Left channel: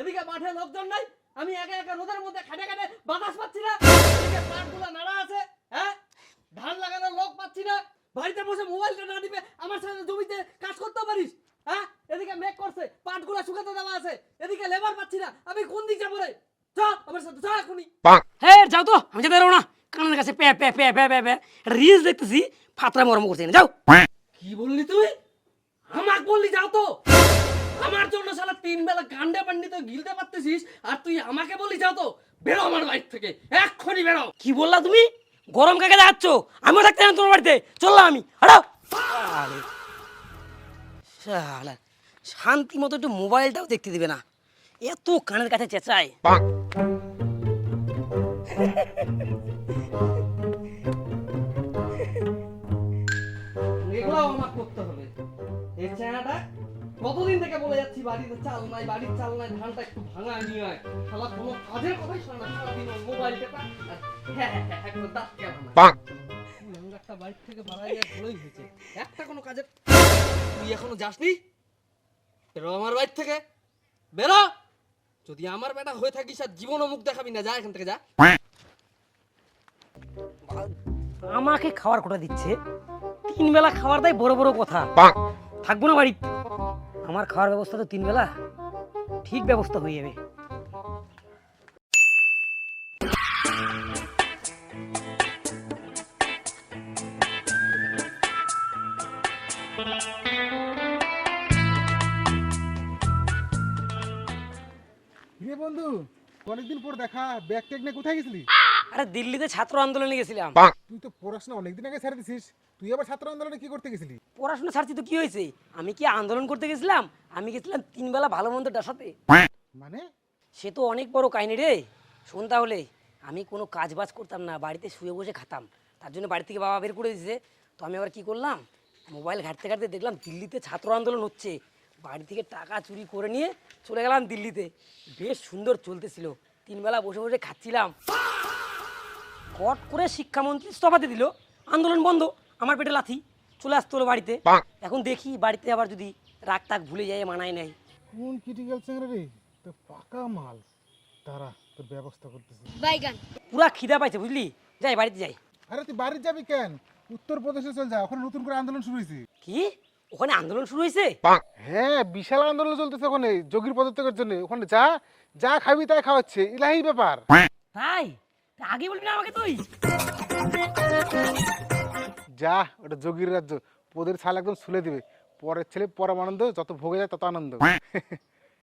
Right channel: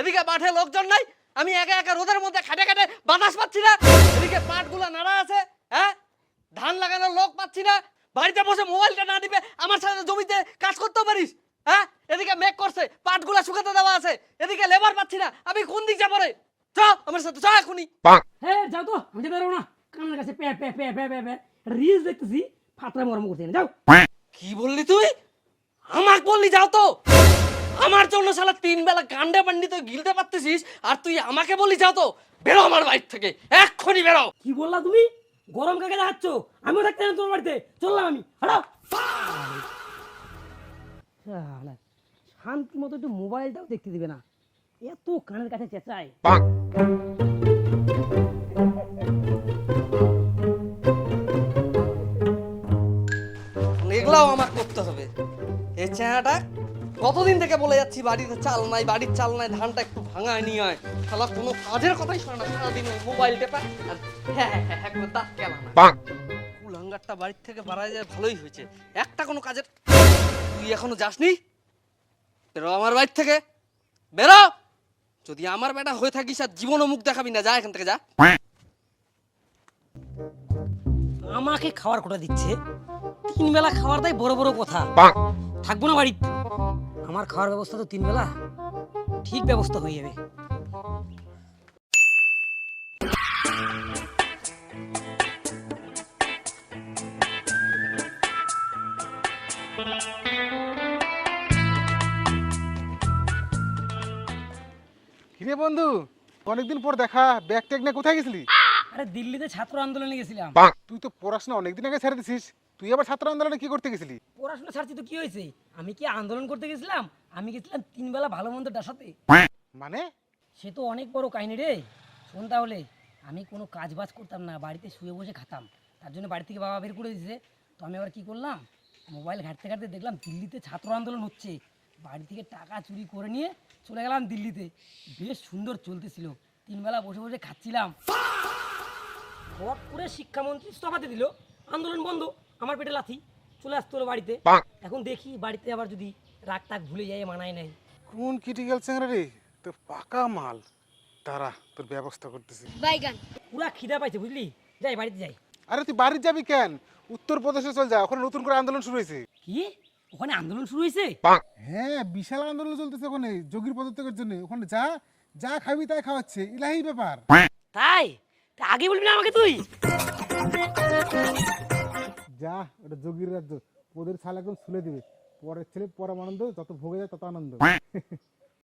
এদিকে মাঠে লোকজন নাই, আমি একা একা রোদের মধ্যে খাটে খাটে বাতাস পাচ্ছি না। এদিকে পাটগুলো নাড়া আছে, হ্যাঁ, ধান লাগানোর লোক পাচ্ছি না। বাড়িতে বসে মোবাইলটা না দিবে আমার সাথে জমিতে কাজ করতেও পারিস, হ্যাঁ। এদিকে মেঘ করছে, পাটগুলো শুকাতে দেওয়া আছে, এদিকে লেবার পাচ্ছি না, আমি কোন দিক যাবো রে? চ আমার সাথে, চ এখনই। হ্যাঁ যাও তো, আমি যেতে পারবো না। কানের কাছে প্যা প্যা প্যা প্যা প্যা প্যা রিলস দেখতেছি, ফাতরা মরম করছি না, যাও। কি বললি তুই? আমাকে বললি যাও তো? আমার জন্য শালা 3 বেলা গান্ডে বান্ডি তুই গিলতে পারতেছিস, আর তুই আমাকে বললি যাও তো? বেরো আমার বাড়ি থেকে, এক্ষুনি বেরো। কি বললা তুমি? গরম কাকে যাচ্ছ? আমিও থাকতে না তোমার বাড়িতে, চললাম আমি, হাঁটাও। শালা শান্তি মতো একটু মোবাইলটাও দেখতে দিবে না, এত কানের কাছে চেঁচায়। এগুলাও আমাকে করতে হবে। এই চেহারাটা কতদিন থেকে বলে যাচ্ছি বাড়িতে চাল নাই, বাড়ির চাল নাই, ধানটা একটু ভাঙায় নিয়ে আয়। শালা কোনো কাজের কথাই শোনে না, সারাদিন মোবাইল টেপা। হ্যাঁ হ্যাঁ হ্যাঁ, একদম দাঁত কেলা না। কুলাঙ্গারটা বাড়ির থেকে বাড়াই যায়, ভালোই হয়েছে। একটা কোনো কাজের, তুই এখনো যাসনি? বেরো আমার বাড়ি থেকে, বেরো। যদি আমার বেটা হয়ে থাকিস আর জীবনও মুখ দেখাবি না, যা এখান থেকে, যা। আমাকে খাওয়ার কোটা দিচ্ছে, 3 বেলা খাবার দেয়, বড় বড় কথা। থাকবো না বাড়িতে, আমার খাওয়ার ব্যবস্থা তো 3 বেলা ঠিক ব্যবস্থা হয়ে যাবে। কিরে বন্ধু, অনেকদিন পর দেখা, ব্যাগ ট্যাগ নিয়ে কোথায় গেছিলি? আরে দিল্লিতে ছাত্র আন্দোলনে গেছিলাম। তুই তো পড়াশোনা অনেকদিন আগে ছেড়ে দিছিস, তুই আবার ছাত্র আন্দোলনে কি করতে গেছিলি? পড়াশোনা ছাড়ছি তো কি হয়েছে? আমি কি আন্দোলন করতে গেছিলাম? আমি গেছিলাম 3 বেলা ভালো মন্দ ডাসাতে। মানে? সে তো অনেক বড় কাহিনী রে, শোন তাহলে। আমি কোনো কাজ বাজ করতাম না, বাড়িতে শুয়ে বসে খাতাম। তার জন্য বাড়ি থেকে বাবা বের করে দিয়েছে। তো আমি আবার কি করলাম, মোবাইল ঘাঁটতে ঘাঁটতে দেখলাম দিল্লিতে ছাত্র আন্দোলন হচ্ছে। বাড়ি থেকে টাকা চুরি করে নিয়ে চলে গেলাম দিল্লিতে। বেশ সুন্দর চলতেছিল, 3 বেলা বসে বসে খাচ্ছিলাম। হট করে শিক্ষামন্ত্রী ইস্তফাতে দিল, আন্দোলন বন্ধ। আমার পেটে লাথি, চলে আসতে হলো বাড়িতে। এখন দেখি বাড়িতে আবার যদি রাগ টাগ ভুলে যায়, মানায় নাই। কোন ক্রিটিক্যাল চ্যাংরা রে, তো পাকা মাল। তারা তোর ব্যবস্থা করতেছি। পুরা খিদা পাইছে বুঝলি, যাই বাড়িতে যাই। আরে তুই বাড়ি যাবি কেন? উত্তরপ্রদেশে চল যা, ওখানে নতুন করে আন্দোলন শুরু হয়েছে। কি ওখানে আন্দোলন শুরু হয়েছে? হ্যাঁ, বিশাল আন্দোলন চলতেছে ওখানে যোগীর পদত্যাগের জন্য। ওখানে যা যা খাবি তাই খাওয়াচ্ছে, ইলাহি ব্যাপার। তাই? তা আগে বলবি না আমাকে তুই? যা, ওটা যোগীর রাজ্য, পদের ছাল একদম ছুলে দিবে। পরের ছেলে পরম আনন্দ, যত ভোগে যায় তত আনন্দ।